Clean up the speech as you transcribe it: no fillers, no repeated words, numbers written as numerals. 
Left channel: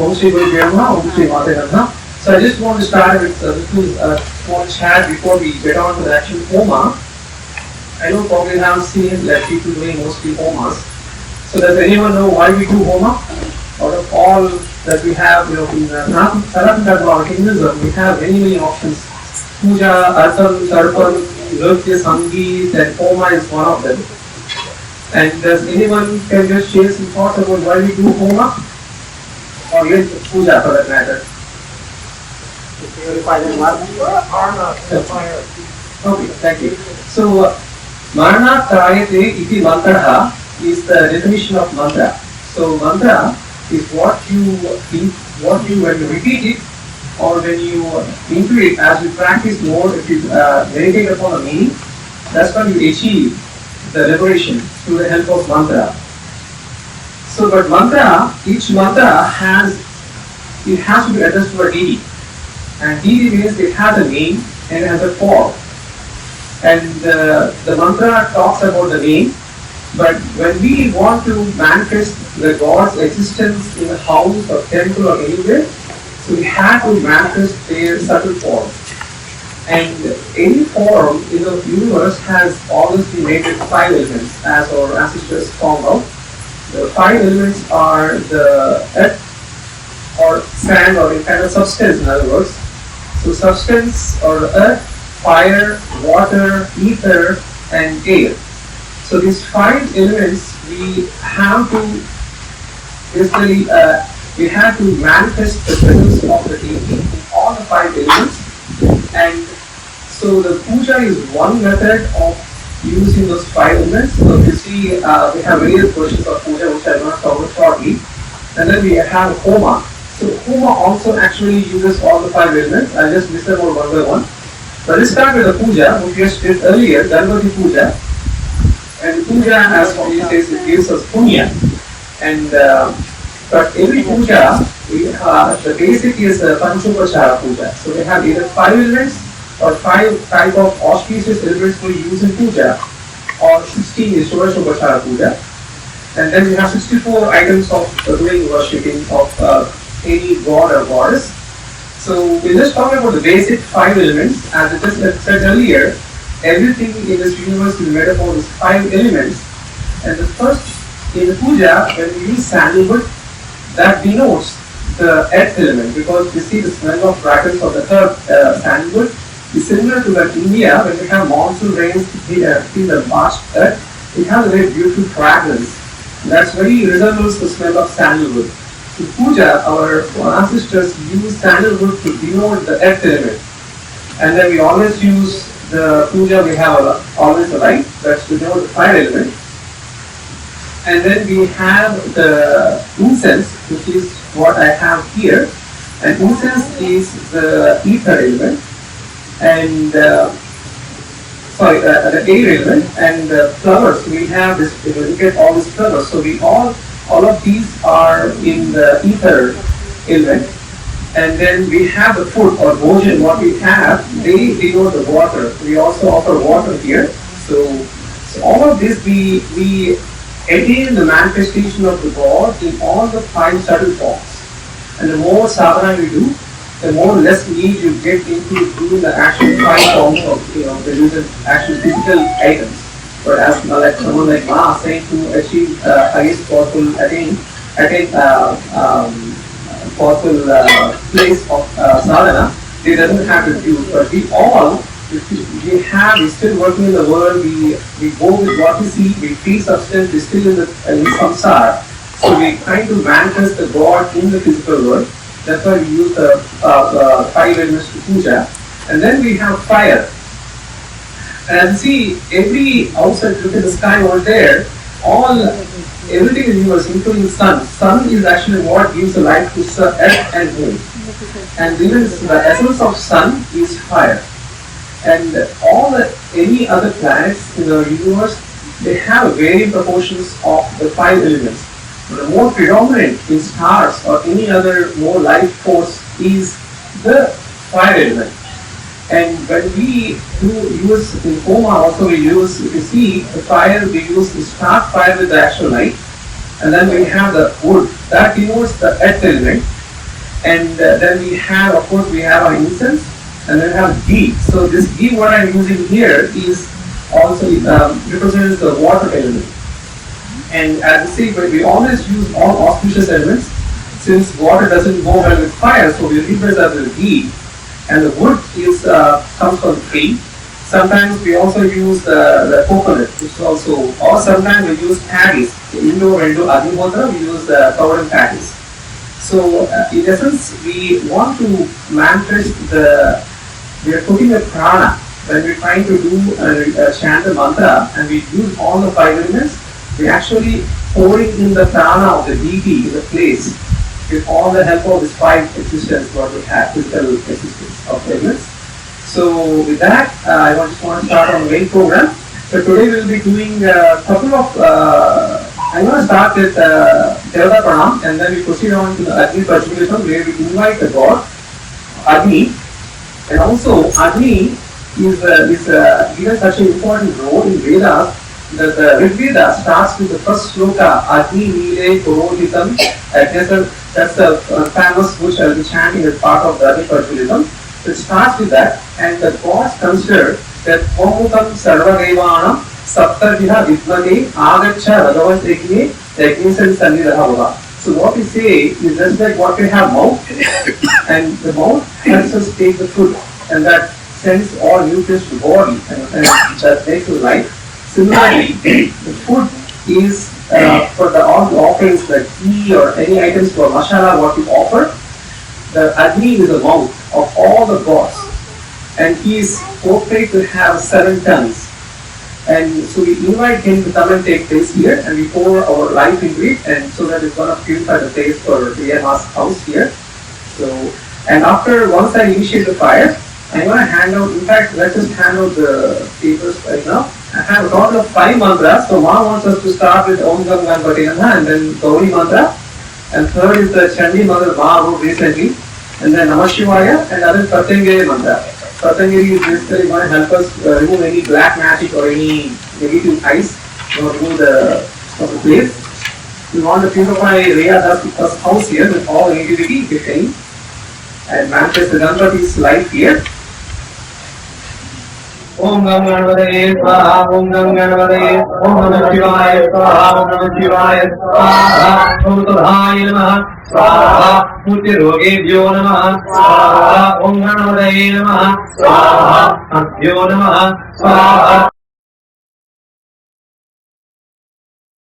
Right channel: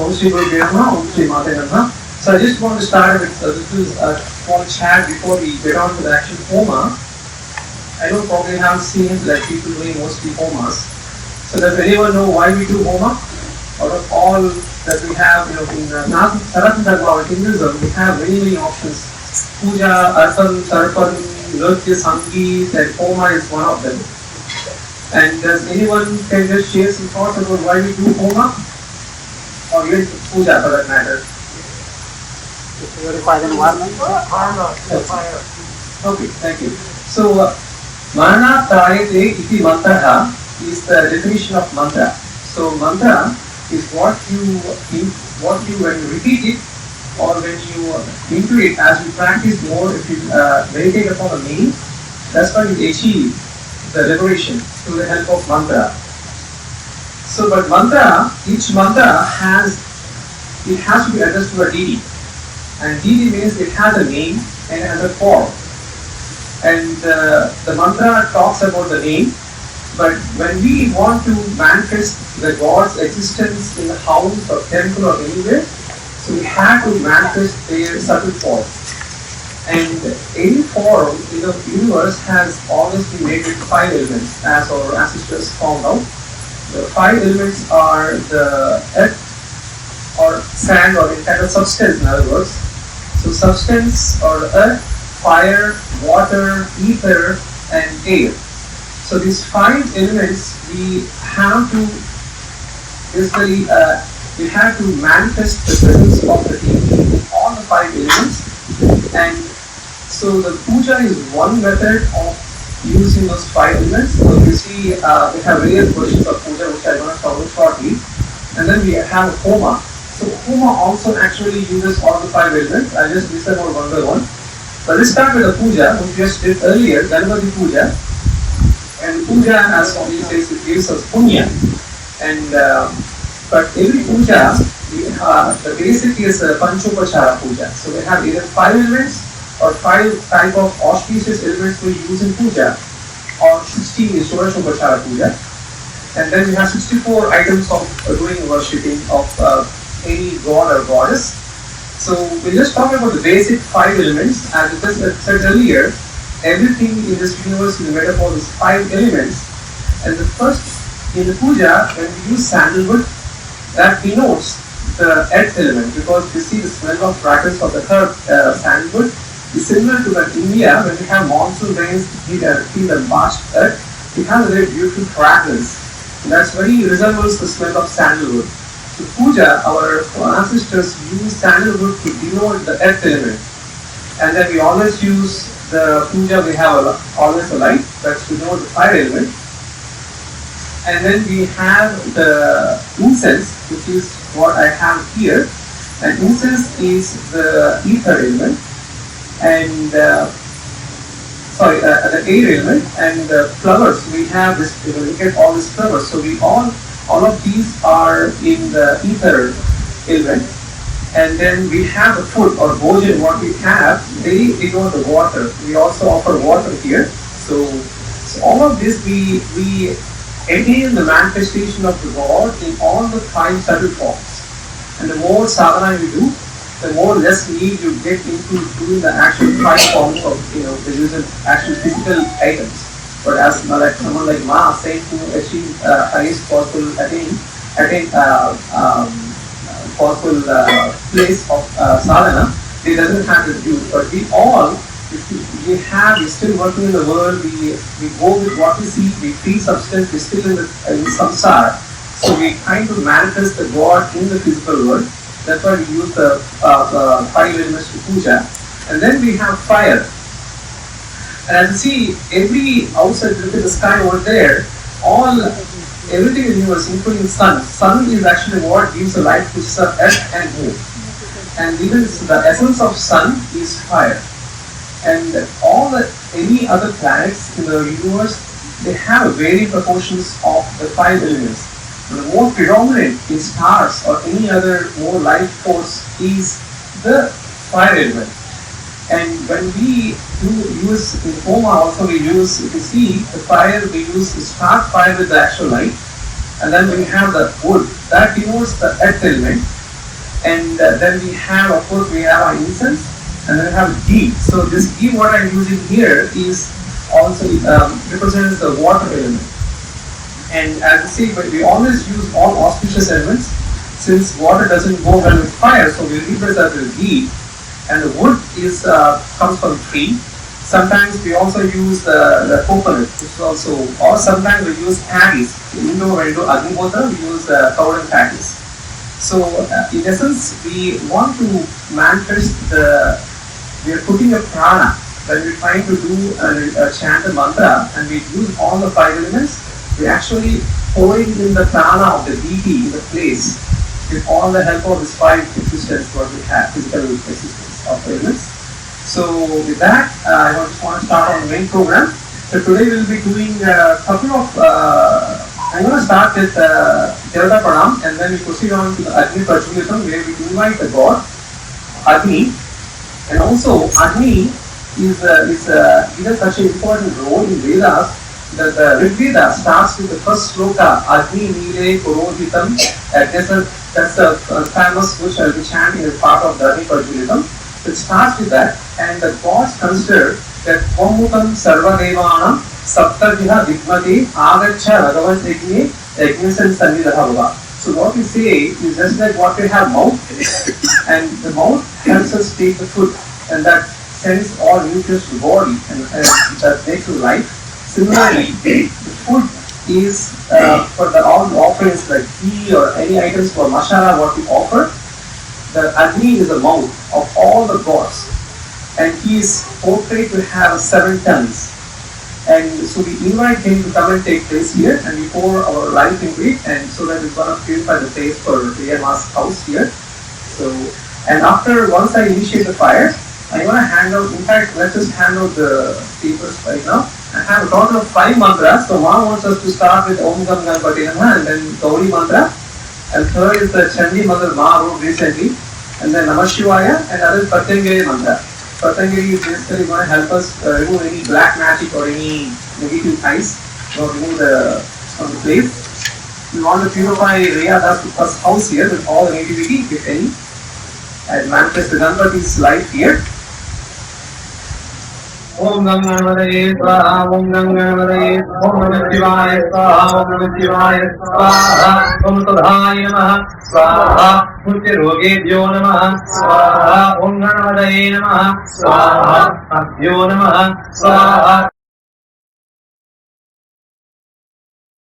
Om Shri Guru Brahma, Om Shri Mate Namaha. So I just want to start with a little small chat before we get on to the actual Homa. I know probably have seen like people doing mostly Homas. So does anyone know why we do Homa? Out of all that we have, in Sanatana Dharma, Hinduism, we have many options. Pooja, Arpan, Sarpan, Nritya, Sangeet, and Homa is one of them. And does anyone can just share some thoughts about why we do Homa? Or even Pooja for that matter? To purify the environment. Okay, thank you. So, Marana Trayate iti mantra is the definition of mantra. So, mantra is what you when you repeat it or when you intuit as you practice more, if you meditate upon the meaning, that's when you achieve the liberation through the help of mantra. So, but mantra, each mantra has to be addressed to a deity. And deity means it has a name and it has a form. And the mantra talks about the name, but when we want to manifest the God's existence in a house or temple or anywhere, so we have to manifest their subtle form. And any form in the universe has always been made with 5 elements, as our ancestors found out. The 5 elements are the earth or sand or the kind of substance, in other words. So substance or earth, fire, water, ether, and air. So these 5 elements we have to basically manifest the presence of the deity in all the 5 elements. And so the puja is one method of using those 5 elements. So you see we have various versions of puja which I am going to cover shortly. And then we have Homa. So Homa also actually uses all the 5 elements. I'll just list them all one by one. So let's start with the puja, which we just did earlier, Ganpati puja. And puja, as Swami says, it gives us punya. And but every puja, the basic is Panchopachara puja. So we have either 5 elements or 5 type of auspicious elements we use in puja, or 16 is Shobhashopachara puja. And then we have 64 items of doing worshipping of any god or goddess. So we just talk about the basic 5 elements. As I just said earlier, everything in this universe is made up of these 5 elements. And the first, in the puja, when we use sandalwood, that denotes the earth element, because we see the smell of fragrance of the earth, sandalwood is similar to that India. When we have monsoon rains, feel the vast earth, it has a very beautiful fragrance. That's very resembles the smell of sandalwood. So puja, our ancestors use sandalwood to denote the earth element. And then we always use the puja, we have always a light, that's to denote the fire element. And then we have the incense, which is what I have here. And incense is the ether element. And the air element, and the flowers. We have this. We look at all these flowers. So we all of these are in the ether element. And then we have the food or bhojan. What we have, they denote the water. We also offer water here. So all of this we attain the manifestation of the God in all the 5 subtle forms. And the more sadhana you do, the more less need you get into doing the actual 5 forms of the usual actual physical items. But as like someone like Ma saying to achieve highest possible possible place of sadhana, they doesn't have to do. But we all, we're still working in the world. We go with what we see. We feel substance. We're still in samsara. So we're trying to manifest the God in the physical world. That's why we use the 5 elements to puja. And then we have fire. And as you see, every outside, look at the sky over there, everything in the universe, including sun. Sun is actually what gives the light to earth and moon. And even the essence of sun is fire. And any other planets in the universe, they have varying proportions of the 5 elements. The more predominant in stars or any other more life force is the fire element. And when we use in Homa also we use, if you see the fire, we use the start fire with the actual light. And then we have the wood, that denotes the earth element. And then we have, of course, we have our incense, and then we have ghee. So this ghee, what I'm using here, is also represents the water element. And as I say, we always use all auspicious elements, since water doesn't go well with fire, so we leave it as the ghee. And the wood is comes from tree. Sometimes we also use the coconut, which is also, or sometimes we use paddies. Indoor and Agnihotra, we use covered paddies. So in essence, we want to manifest we are putting a prana. When we're trying to do a chant a mantra and we use all the five elements, we're actually pouring in the prana of the deity in the place with all the help of this five existence, what we have, physical existence of the elements. So with that, I just want to start on the main program. So today we'll be doing a couple of, I'm going to start with Jalada Pranam, and then we proceed on to the Agni Prajvalitam, where we invite the god, Agni. And also, Agni is given such an important role in Vedas that the Rig Veda starts with the first sloka, Agni Nile Purohitam. That's a famous which I'll be chanting as part of the Agni Prajvalitam. It starts with that, and the gods consider that Homutam Sarvadevanam Saptarjiha Vidmate Agacha Ragavat Yajne Yajnasan Sannidaha. So what we say is just like what we have mouth, and the mouth helps us take the food, and that sends all nutrients to the body, and that makes us life. Similarly, the food is for all the offerings like tea or any items for masala what we offer. The Agni is the mouth of all the gods, and he is portrayed to have 7 tongues. And so we invite him to come and take place here, and we pour our life into it, and so that it's going to purify the place for Priyama's house here. So, and once I initiate the fire, I'm going to hand out, in fact, let's just hand out the papers right now. I have a total of 5 mantras. So Ma wants us to start with Om Gam Ganpati Namaha, and then Gauri mantra. And third is the Chandi mantra Ma wrote recently. And then Namah Shivaya, and other Patanjali mantra. Patanjali is basically going to help us remove any black magic or any negative ice, remove from the place. We want to purify Rhea Das house here with all the negativity, if any, and manifest the Ganpati's life here. Om Gam Ganpataye Swaha, Om Gam Ganpataye, Om Namah Shivaya Swaha, Om Namah Shivaya Swaha, Om Tadhaya Namaha Swaha, Mutya Rogebhyo Namaha Swaha, Om Ganpataye Namaha Swaha, Abhyo Namaha Swaha.